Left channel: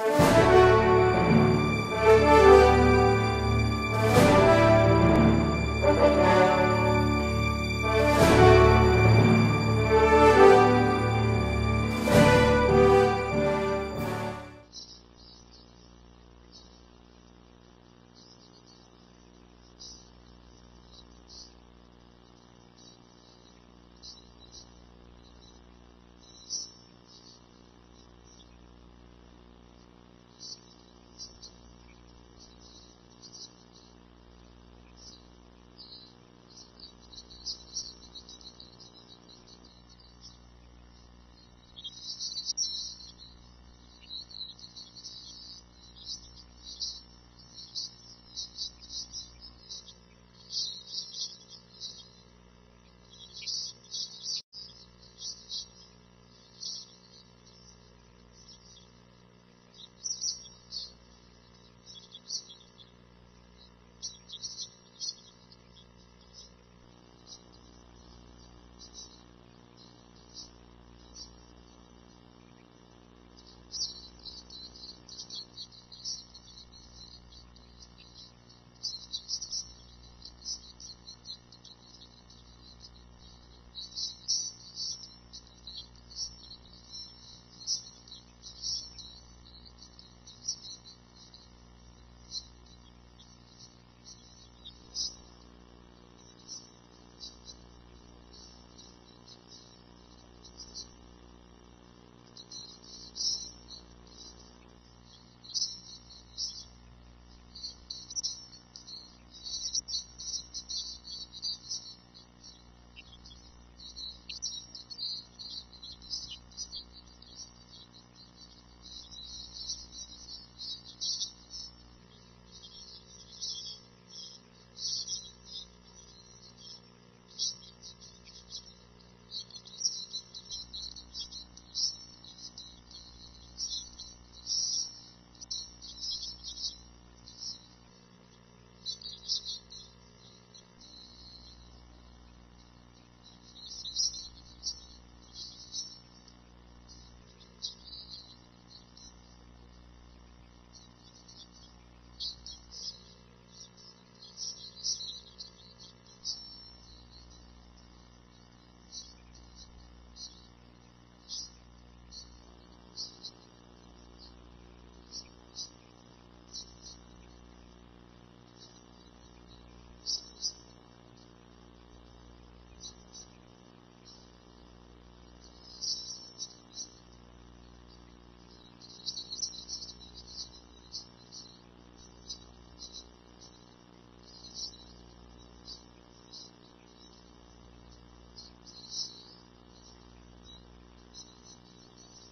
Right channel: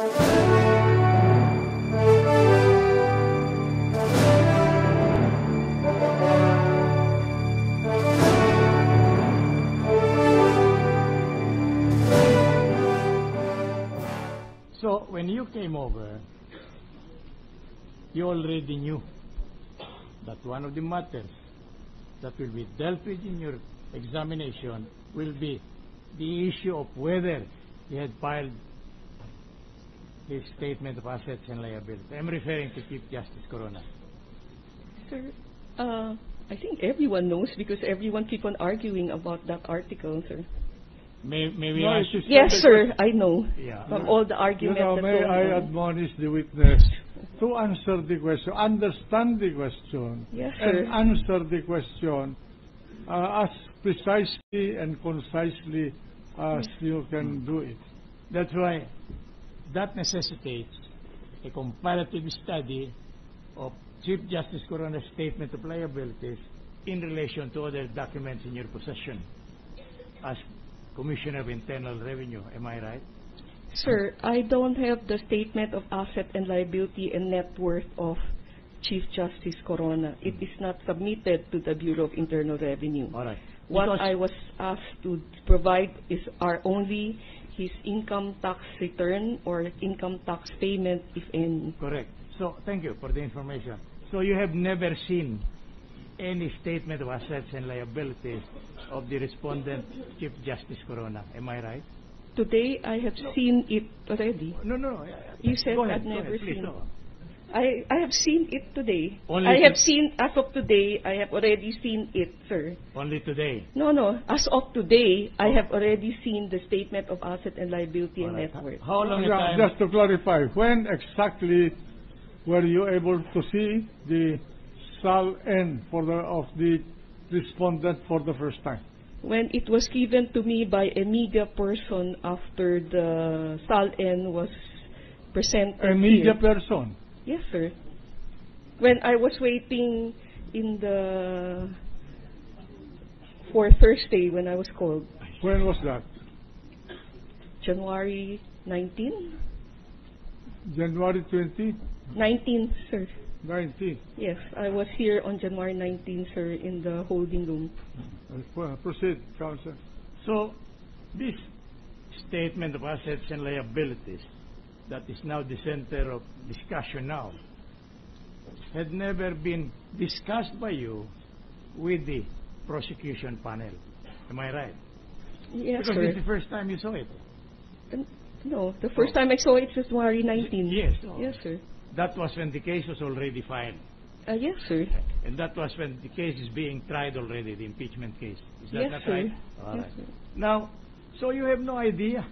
So, when you came over, you already knew that one of the matters that will be dealt with in your examination will be the issue of whether he had filed his statement of assets and liabilities. I'm referring to Chief Justice Corona. Sir, I think everyone knows because everyone keep on arguing about that article, sir. May we No, ask it is Yes, not sir, because- I know. Yeah. From all the argument that's may going I on. admonish the witness to answer the question, understand the question, Yes, sir. and answer the question as precisely and concisely as you can do it. That's why that necessitates a comparative study of Chief Justice Corona's statement of liabilities in relation to other documents in your possession as Commissioner of Internal Revenue. Am I right? Sir, I don't have the statement of asset and liability and net worth of Chief Justice Corona. It is not submitted to the Bureau of Internal Revenue. All right. What Because- I was asked to provide are only his income tax return or income tax payment, if any. Correct. So, thank you for the information. So, you have never seen any statement of assets and liabilities of the respondent, Chief Justice Corona. Am I right? Today, I have seen it already. No. You said Go ahead, I've never please. seen. So, I have seen it today. Only I to- have seen, as of today, I have already seen it, sir. only today. No. As of today, I have already seen the statement of asset and liability and All right. net worth. How long a Yeah, time? just to clarify, when exactly were you able to see the SAL-N of the respondent for the first time? When it was given to me by a media person after the SAL-N was presented A media here. person. Yes, sir. When I was waiting for Thursday when I was called, When was that? January 19? January 20, 19, sir. 19. Yes, I was here on January 19, sir, in the holding room. Proceed, Counsel. So, this statement of assets and liabilities that is now the center of discussion now had never been discussed by you with the prosecution panel. Am I right? Yes, Because sir. this is the first time you saw it. No, the first time I saw it was January 19. Yes. Yes, sir. That was when the case was already filed. Yes, sir. And that was when the case is being tried already, the impeachment case. Is that Yes, not sir. right? All Yes, right. sir. Now, so you have no idea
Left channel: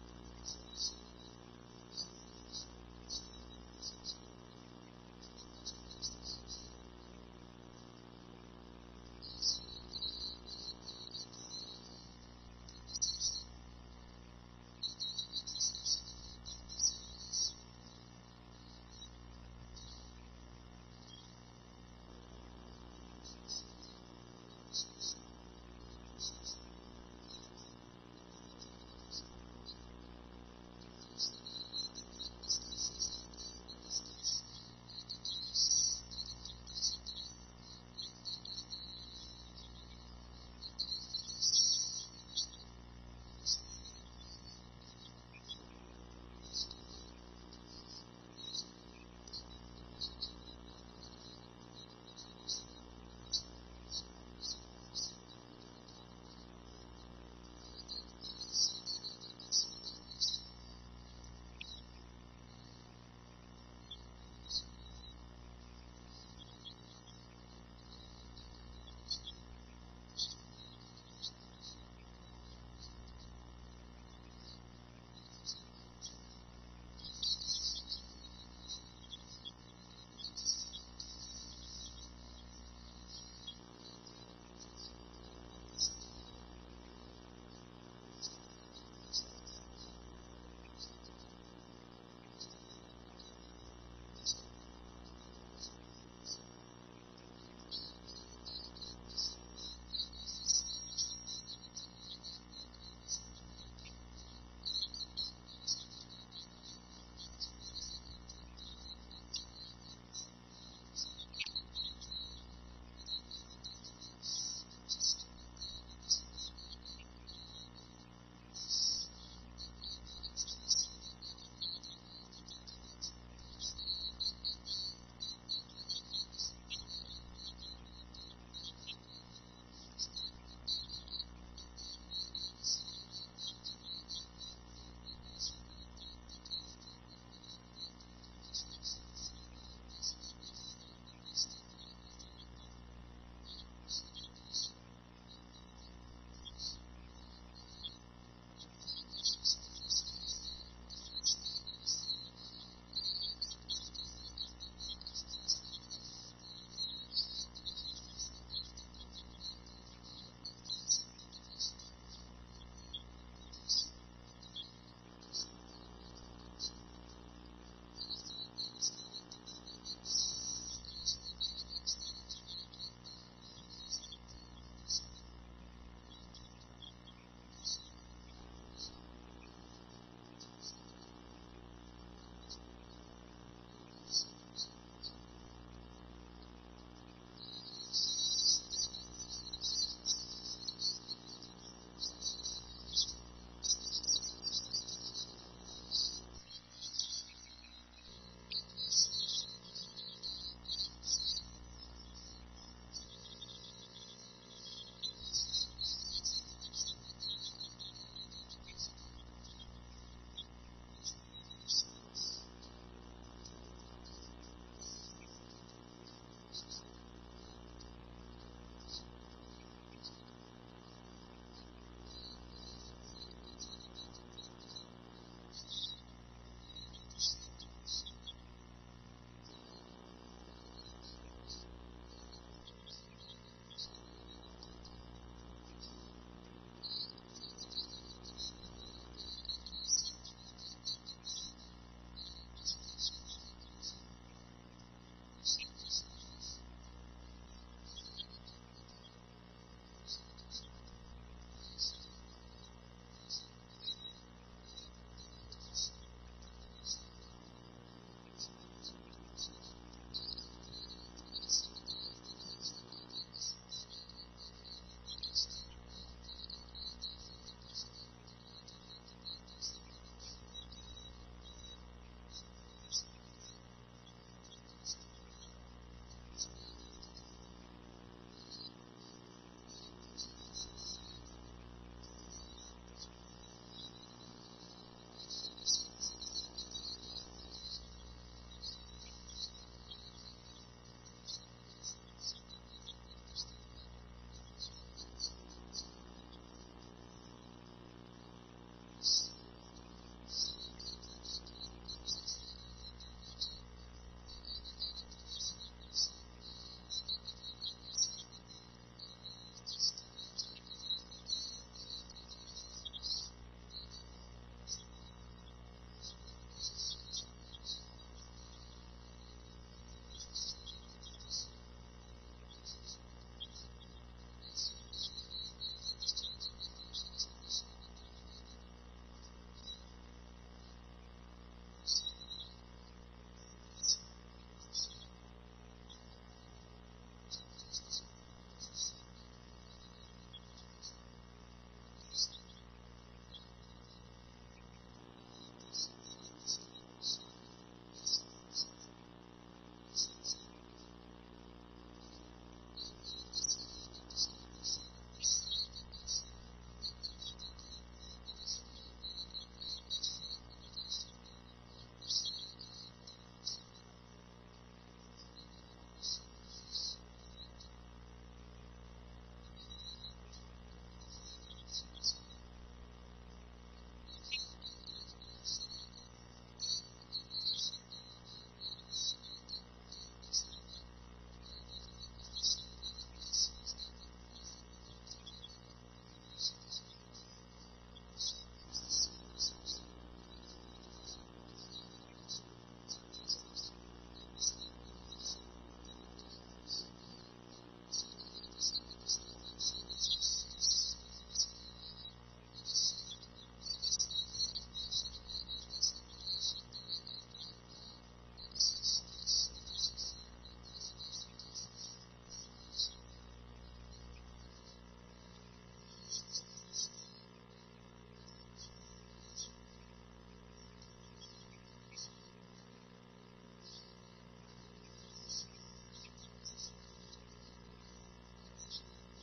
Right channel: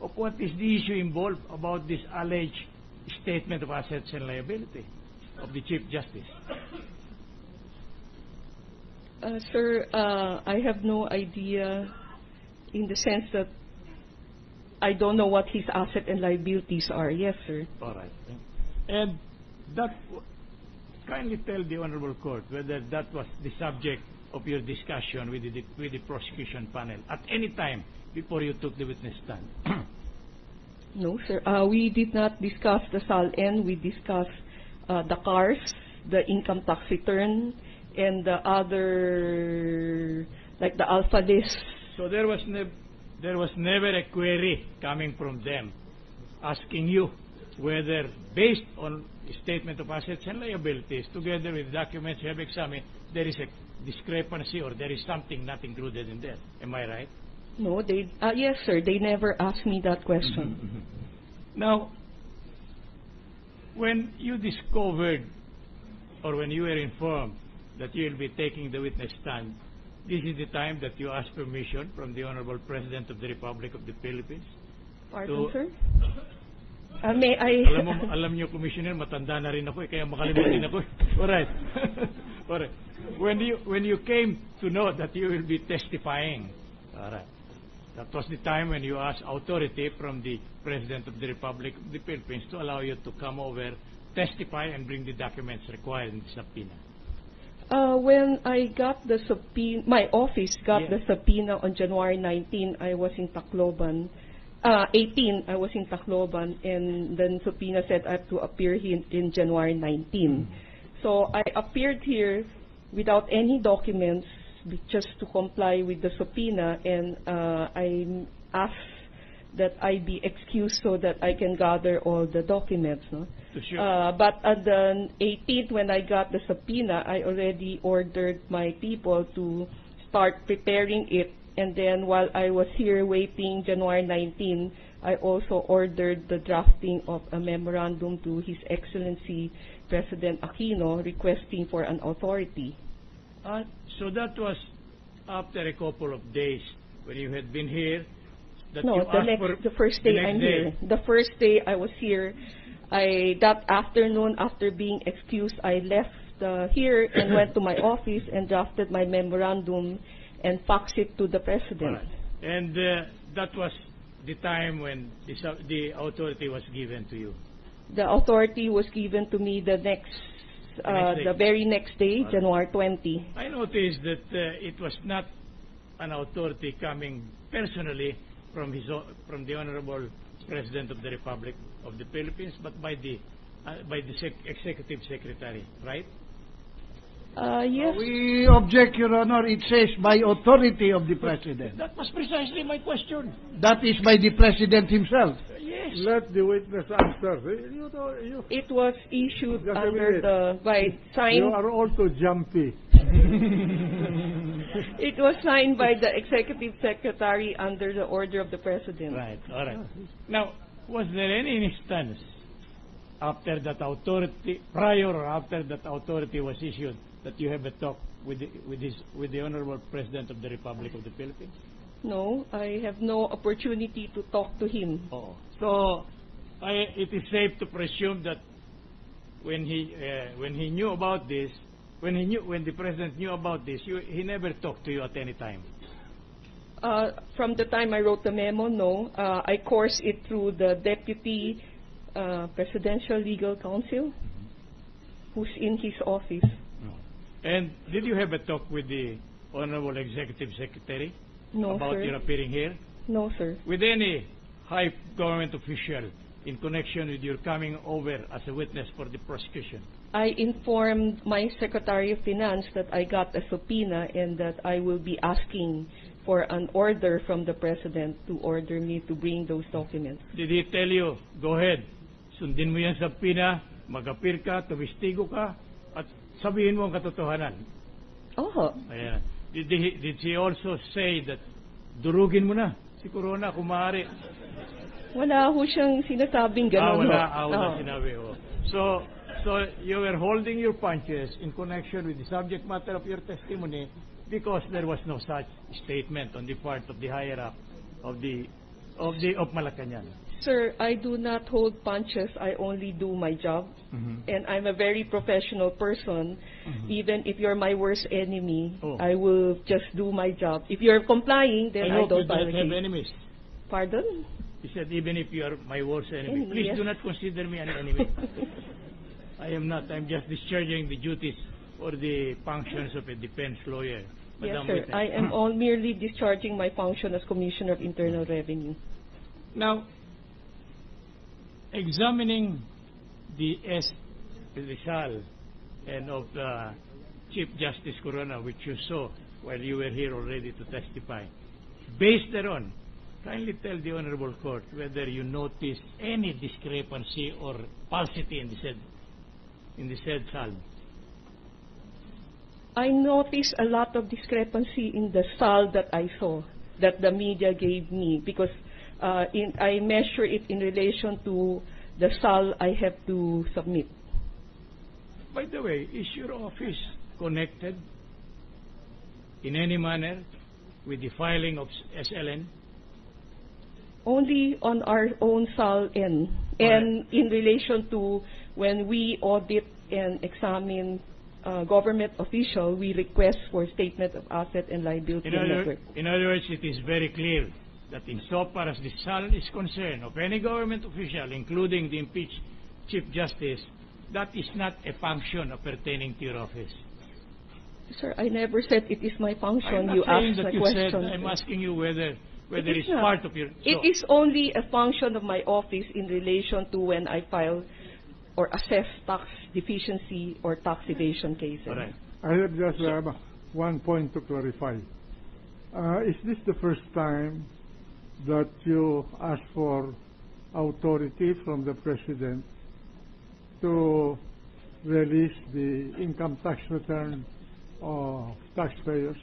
of what is the issue involved about this alleged statement of assets and liability of the Chief Justice. Sir, I have no idea in the sense that I don't know what his asset and liabilities are. Yes, sir. All right. And that, kindly tell the Honorable Court whether that was the subject of your discussion with the prosecution panel at any time before you took the witness stand. No, sir. We did not discuss the SAL-N. We discussed the cars, the income tax return, and the other, like the alpha list. So there was never a query coming from them asking you whether, based on statement of assets and liabilities, together with documents you have examined, there is a discrepancy or there is something not included in there. Am I right? No, yes, sir. They never asked me that question. Now, when you discovered or when you were informed that you will be taking the witness stand, this is the time that you ask permission from the Honorable President of the Republic of the Philippines. Pardon, To- sir? May I... Alam niyo, Commissioner, matanda na rin ako kaya makalimutin ako. Alright. Alright. When you came to know that you will be testifying, alright, that was the time when you asked authority from the President of the Republic of the Philippines to allow you to come over, testify, and bring the documents required in the subpoena. When I got the subpoena, my office got Yes. the subpoena on January 19, I was in Tacloban. 18, I was in Tacloban, and then subpoena said I have to appear here in January 19. So I appeared here without any documents, just to comply with the subpoena, and I asked that I be excused so that I can gather all the documents. No? But at the 18th, when I got the subpoena, I already ordered my people to start preparing it. And then while I was here waiting January 19, I also ordered the drafting of a memorandum to His Excellency President Aquino requesting for an authority. So that was after a couple of days when you had been here. That No, you asked for the first day the next I'm day. here. The first day I was here, that afternoon after being excused, I left here and went to my office and drafted my memorandum and faxed it to the President. Right. And that was the time when the authority was given to you. The authority was given to me the very next day, January 20. I noticed that it was not an authority coming personally from the Honorable President of the Republic of the Philippines, but by the Executive Secretary, right? Yes. We object, Your Honor. It says by authority of the President. That was precisely my question. That is by the President himself. Yes. Let the witness answer. It was issued Just a under minute. You signed. are all too jumpy. It was signed by the Executive Secretary under the order of the President. Right. All right. Now, was there any instance after that authority, prior or after that authority was issued, that you have a talk with the Honorable President of the Republic of the Philippines? No, I have no opportunity to talk to him. Oh. So, it is safe to presume that when he knew about this, when the President knew about this, he never talked to you at any time. From the time I wrote the memo, no. I coursed it through the Deputy Presidential Legal Counsel, who's in his office. And did you have a talk with the Honorable Executive Secretary No, about sir. your appearing here? No, sir. With any high government official in connection with your coming over as a witness for the prosecution? I informed my Secretary of Finance that I got a subpoena and that I will be asking for an order from the President to order me to bring those documents. Did he tell you, go ahead, sundin mo yan sa pina, mag-appear ka, tumistigo ka, at sabihin mo ang katotohanan? Oh, Ayan. Did he also say that durugin mo na si Corona kung maaari? wala ho siyang sinasabing gano'n. Wala sinabi ho. So you were holding your punches in connection with the subject matter of your testimony because there was no such statement on the part of the higher up of Malacanang. Sir, I do not hold punches. I only do my job. And I'm a very professional person. Even if you're my worst enemy, I will just do my job. If you're complying, then I hope you don't file a don't have case. enemies. Pardon? He said, even if you are my worst enemy, Enemy, please yes. do not consider me an enemy. I am not. I'm just discharging the duties or the functions of a defense lawyer. Yes, Madam sir. Witness. I am all merely discharging my function as Commissioner of Internal Revenue. Now, examining the SAL and of Chief Justice Corona, which you saw while you were here already to testify, based thereon, kindly tell the Honorable Court whether you noticed any discrepancy or falsity in the said SAL. I noticed a lot of discrepancy in the SAL that I saw, that the media gave me, because I measure it in relation to the SAL I have to submit. By the way, is your office connected in any manner with the filing of SLN? Only on our own SAL N, and in relation to when we audit and examine government official, we request for statement of asset and liability and network. In other words, it is very clear that insofar as the SAL is concerned of any government official, including the impeached Chief Justice, that is not a function pertaining to your office. Sir, I never said it is my function. I'm not You saying asked that a you question. said. I'm asking you whether whether It is it's not. part of your... It is only a function of my office in relation to when I file or assess tax deficiency or tax evasion cases. All right. I have just one point to clarify. Is this the first time that you ask for authority from the President to release the income tax return of taxpayers?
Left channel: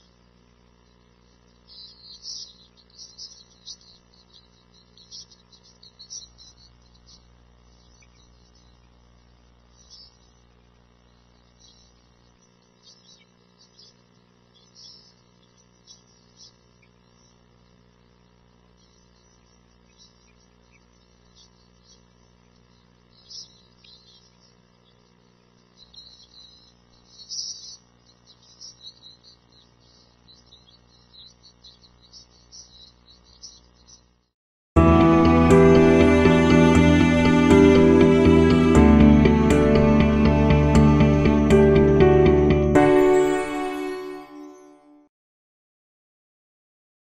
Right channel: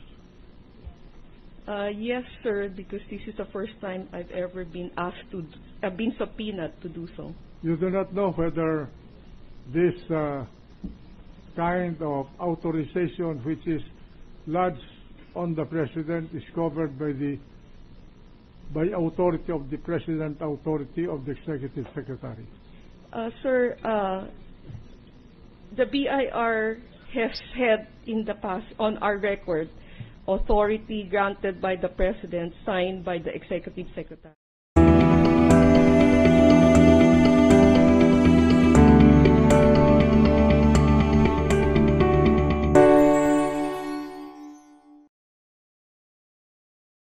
Yes, sir, because this is the first time I've ever been asked to, been subpoenaed to do so. You do not know whether this kind of authorization, which is lodged on the President, is covered by authority of the President, authority of the Executive Secretary. Sir, the BIR has had in the past, on our record, authority granted by the President, signed by the Executive Secretary.